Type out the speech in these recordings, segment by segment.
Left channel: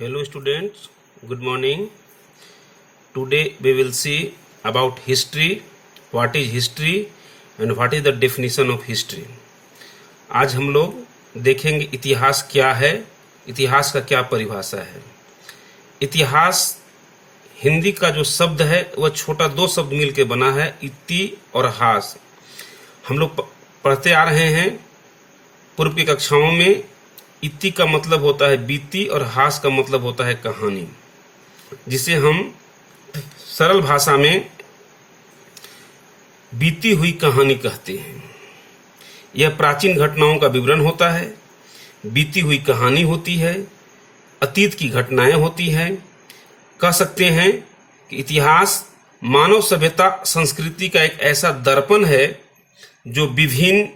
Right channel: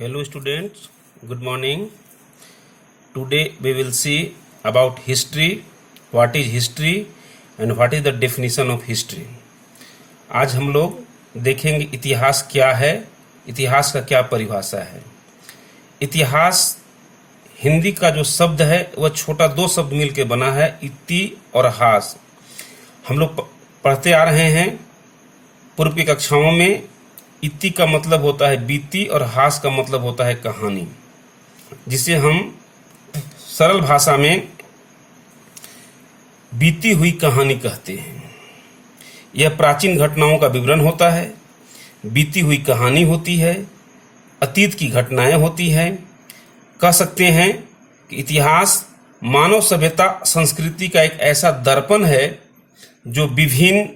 Hello students, good morning. Today we will see about history, what is history and what is the definition of history. आज हम लोग देखेंगे इतिहास क्या है, इतिहास का क्या परिभाषा है। इतिहास हिंदी का जो शब्द है वह छोटा दो शब्द मिलकर बना है, इति और हास। हम लोग पढ़ते आ रहे हैं पूर्व की कक्षाओं में। इति का मतलब होता है बीती और हास का मतलब होता है कहानी, जिसे हम सरल भाषा में बीती हुई कहानी कहते हैं। यह प्राचीन घटनाओं का विवरण होता है, बीती हुई कहानी होती है, अतीत की घटनाएं होती हैं। कह सकते हैं कि इतिहास मानव सभ्यता संस्कृति का एक ऐसा दर्पण है जो विभिन्न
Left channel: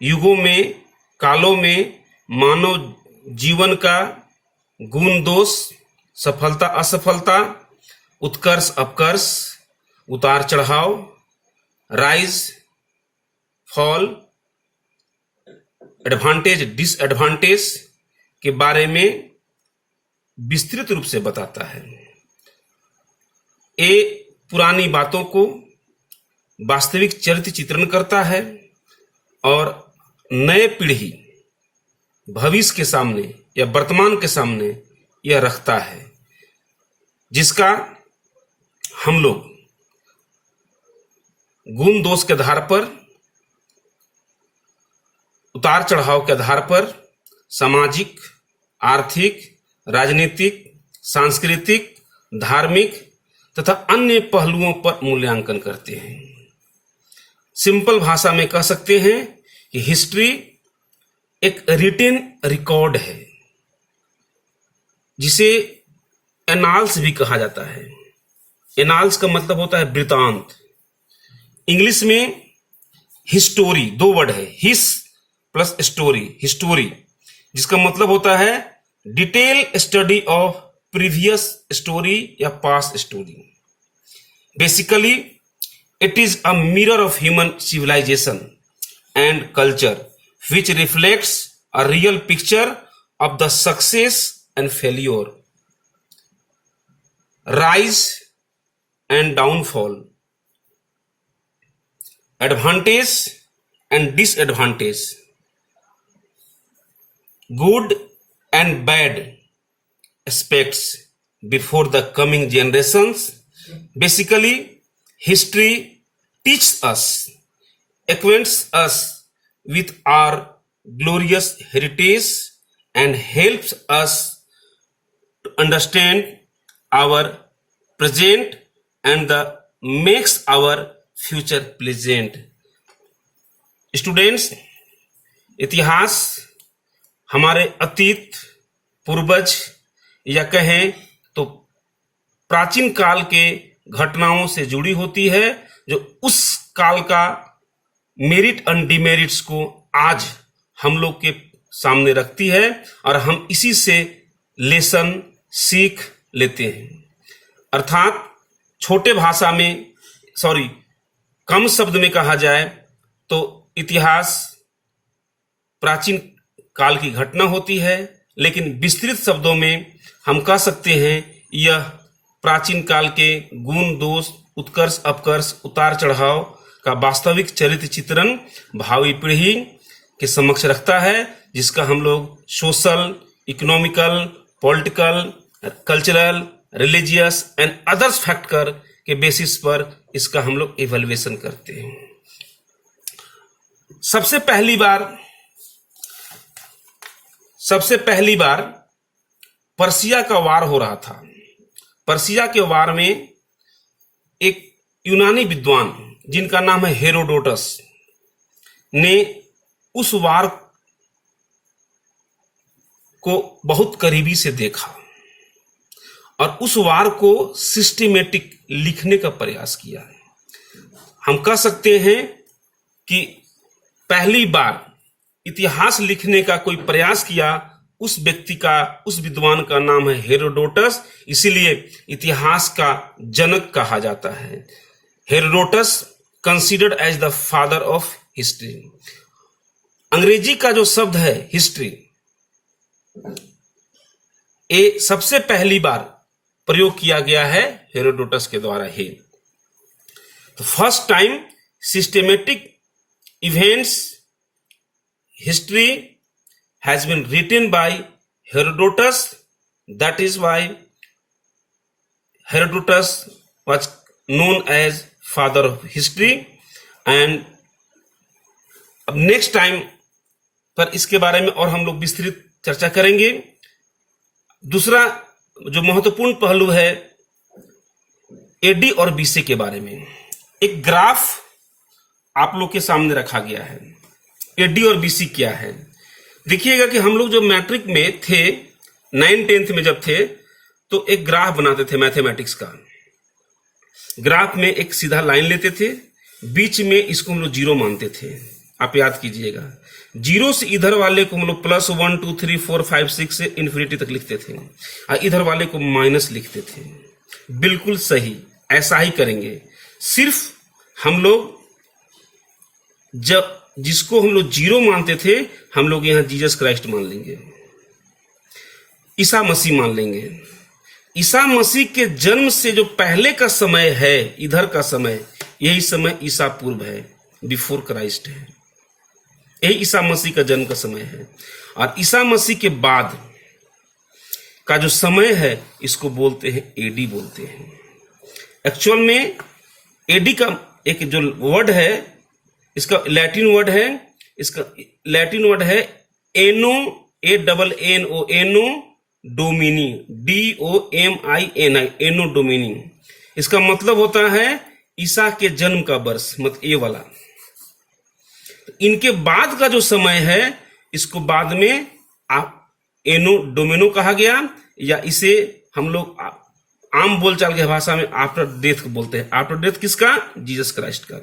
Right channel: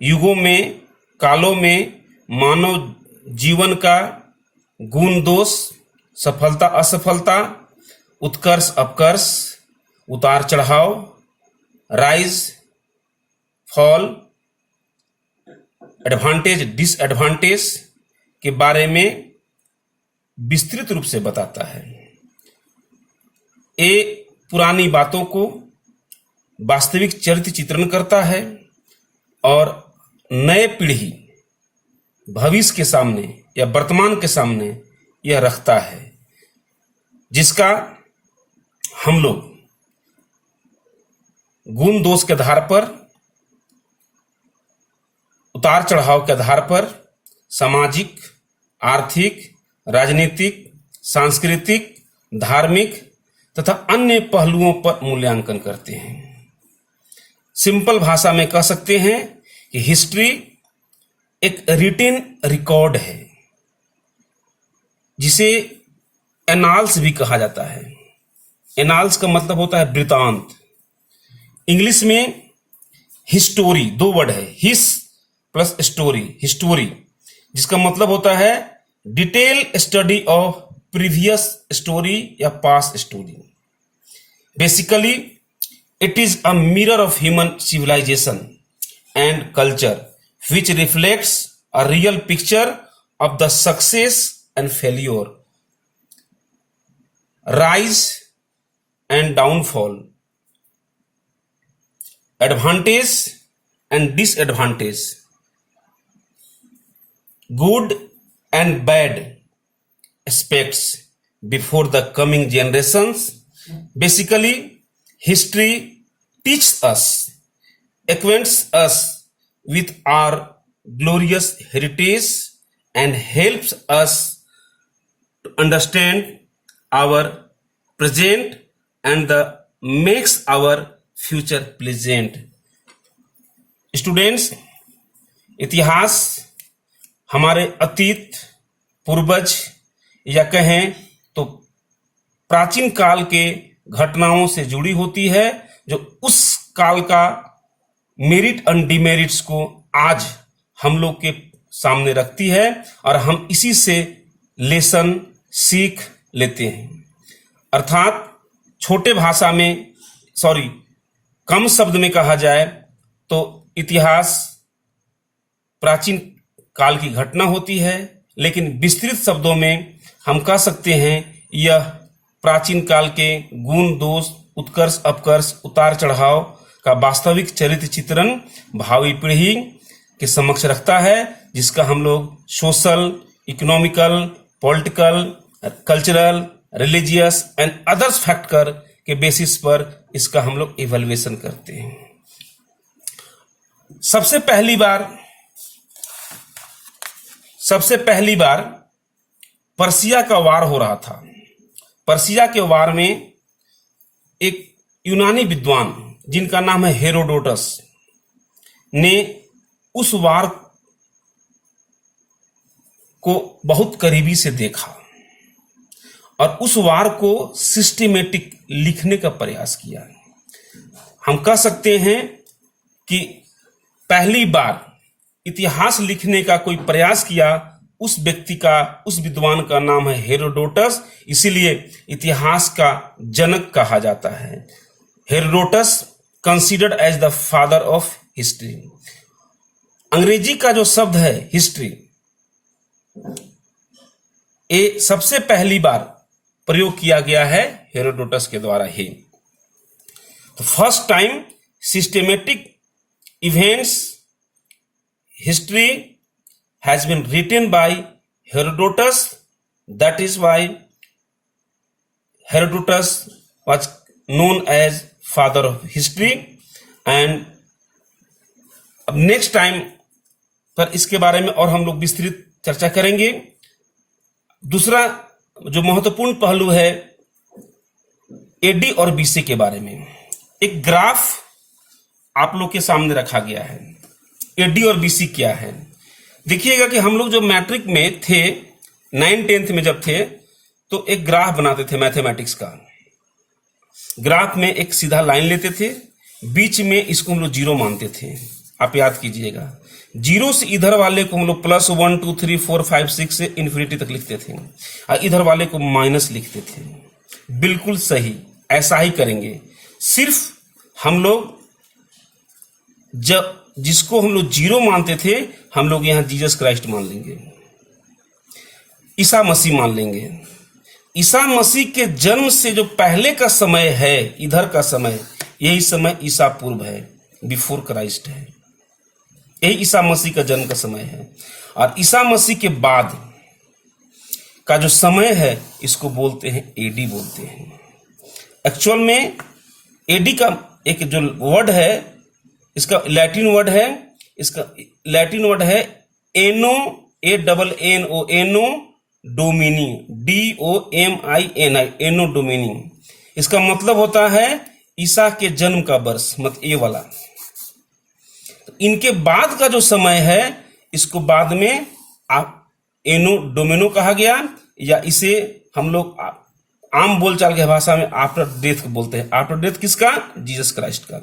युगों में, कालों में मानव जीवन का गुण दोष, सफलता असफलता, उत्कर्ष अपकर्ष, उतार चढ़ाव, राइज फॉल, एडवांटेज डिसएडवांटेज के बारे में विस्तृत रूप से बताता है। ये पुरानी बातों को वास्तविक चरित्र चित्रण करता है और नए पीढ़ी भविष्य के सामने या वर्तमान के सामने यह रखता है, जिसका हम लोग गुण दोष के आधार पर, उतार चढ़ाव के आधार पर सामाजिक, आर्थिक, राजनीतिक, सांस्कृतिक, धार्मिक तथा अन्य पहलुओं पर मूल्यांकन करते हैं। सिंपल भाषा में कह सकते हैं कि हिस्ट्री एक रिटन रिकॉर्ड है, जिसे एनाल्स भी कहा जाता है। एनाल्स का मतलब होता है वृतांत। इंग्लिश में हिस्टोरी, दो वर्ड है, हिस प्लस स्टोरी, हिस्टोरी, जिसका मतलब होता है detail study of previous story या past story. Basically it is a mirror of human civilisation and culture which reflects a real picture of the success and failure, rise and downfall, advantage and disadvantage, good and bad aspects before the coming generations. Basically, history teaches us, acquaints us with our glorious heritage and helps us to understand our present and makes our future pleasant. Students, इतिहास हमारे अतीत, पूर्वज या कहें तो प्राचीन काल के घटनाओं से जुड़ी होती है, जो उस काल का मेरिट एंड डिमेरिट्स को आज हम लोग के सामने रखती है और हम इसी से लेसन सीख लेते हैं। अर्थात छोटे भाषा में, कम शब्द में कहा जाए तो इतिहास प्राचीन काल की घटना होती है, लेकिन विस्तृत शब्दों में हम कह सकते हैं यह प्राचीन काल के गुण दोष, उत्कर्ष अपकर्ष, उतार चढ़ाव का वास्तविक चरित्र चित्रण भावी पीढ़ी के समक्ष रखता है, जिसका हम लोग social, economical, political, cultural, religious and others factor के बेसिस पर इसका हम लोग इवैल्यूएशन करते हैं। सबसे पहली बार पर्सिया का वार हो रहा था। पर्सिया के वार में एक यूनानी विद्वान जिनका नाम है हेरोडोटस ने उस वार को बहुत करीबी से देखा और उस वार को सिस्टमेटिक लिखने का प्रयास किया। हम कह सकते हैं कि पहली बार इतिहास लिखने का कोई प्रयास किया उस व्यक्ति का, उस विद्वान का नाम है हेरोडोटस, इसीलिए इतिहास का जनक कहा जाता है। Herodotus considered as the father of history. अंग्रेजी का जो शब्द है हिस्ट्री, ये सबसे पहली बार प्रयोग किया गया है हेरोडोटस के द्वारा ही। तो first time systematic events history has been written by Herodotus, that is why Herodotus was known as father of history. And अब नेक्स्ट टाइम पर इसके बारे में और हम लोग विस्तृत चर्चा करेंगे। दूसरा जो महत्वपूर्ण पहलू है एडी और बीसी के बारे में, एक ग्राफ आप लोग के सामने रखा गया है। एडी और बीसी क्या है, देखिएगा कि हम लोग जो मैट्रिक में थे 9th-10th में जब थे तो एक ग्राफ बनाते थे मैथमेटिक्स का। ग्राफ में एक सीधा लाइन लेते थे, बीच में इसको हम लोग जीरो मानते थे, आप याद कीजिएगा। जीरो से इधर वाले को हम लोग +1 2 3 4 5 6 से इन्फिनिटी तक लिखते थे और इधर वाले को माइनस लिखते थे। बिल्कुल सही, ऐसा ही करेंगे। सिर्फ हम लोग जब जिसको हम लोग जीरो मानते थे हम लोग यहां जीसस क्राइस्ट मान लेंगे, ईसा मसीह मान लेंगे। ईसा मसीह के जन्म से जो पहले का समय है, इधर का समय, यही समय ईसा पूर्व है, बिफोर क्राइस्ट है। यही ईसा मसीह का जन्म का समय है। और ईसा मसीह के बाद का जो समय है इसको बोलते हैं एडी बोलते हैं। एक्चुअल में एडी का एक जो वर्ड है, इसका लैटिन वर्ड है, इसका लैटिन वर्ड है एनो, ANNO, एनो डोमिनी, DOMINI, एनो डोमिनी। इसका मतलब होता है ईसा के जन्म का वर्ष, मत ये वाला। तो इनके बाद का जो समय है इसको बाद में एनो डोमिनो कहा गया, या इसे हम लोग आम बोलचाल के भाषा में आफ्टर डेथ बोलते हैं। आफ्टर डेथ किसका? जीसस क्राइस्ट का।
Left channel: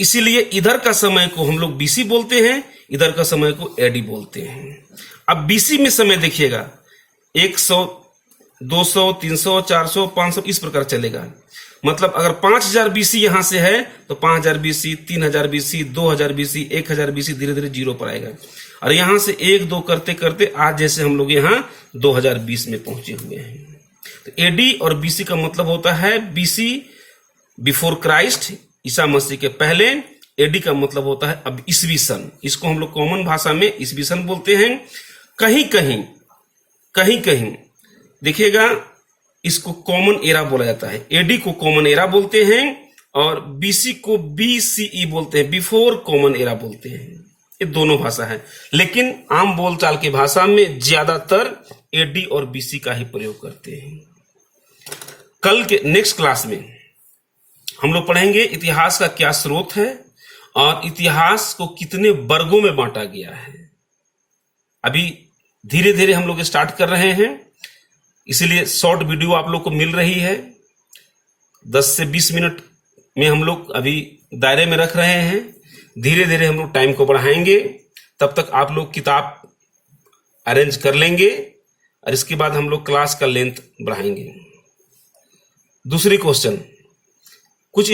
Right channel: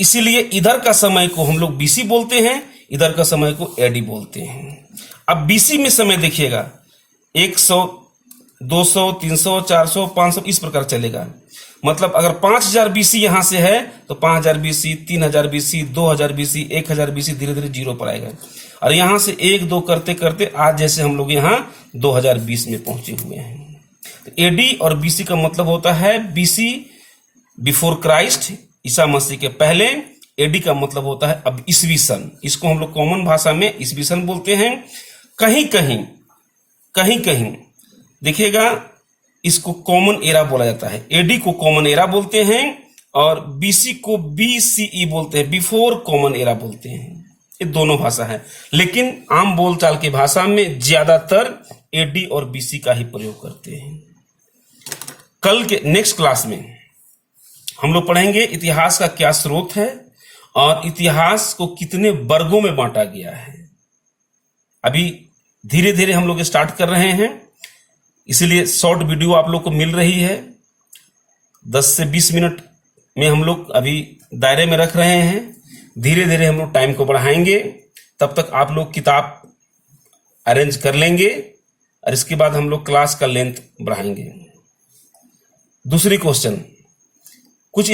इसीलिए इधर का समय को हम लोग बीसी बोलते हैं, इधर का समय को एडी बोलते हैं। अब बीसी में समय देखिएगा 100, 200, 300, 400, 500 इस प्रकार चलेगा। मतलब अगर 5000 बीसी यहां से है तो 5000 बीसी, 3000 बीसी, 2000 बीसी, 1000 बीसी, धीरे धीरे जीरो पर आएगा। और यहां से 1 2 करते करते आज जैसे हम लोग यहां 2020 में पहुंचे हुए हैं। तो एडी और बीसी का मतलब होता है BC before Christ, Isa Masih के पहले। एडी का मतलब होता है अब ईसवी सन, इसको हम लोग कॉमन भाषा में ईसवी सन बोलते हैं। कहीं कहीं देखिएगा इसको कॉमन एरा बोला जाता है। एडी को कॉमन एरा बोलते हैं और बीसी को BCE बोलते हैं, बिफोर कॉमन एरा बोलते हैं। ये दोनों भाषा है, लेकिन आम बोलचाल की भाषा में ज्यादातर एडी और बीसी का ही प्रयोग करते हैं। कल के नेक्स्ट क्लास में हम लोग पढ़ेंगे इतिहास का क्या स्रोत है और इतिहास को कितने वर्गों में बांटा गया है। अभी धीरे धीरे हम लोग स्टार्ट कर रहे हैं, इसीलिए शॉर्ट वीडियो आप लोग को मिल रही है। 10 से 20 मिनट में हम लोग अभी दायरे में रख रहे हैं। धीरे धीरे हम लोग टाइम को बढ़ाएंगे, तब तक आप लोग किताब अरेंज कर लेंगे और इसके बाद हम लोग क्लास का लेंथ बढ़ाएंगे। दूसरी क्वेश्चन, कुछ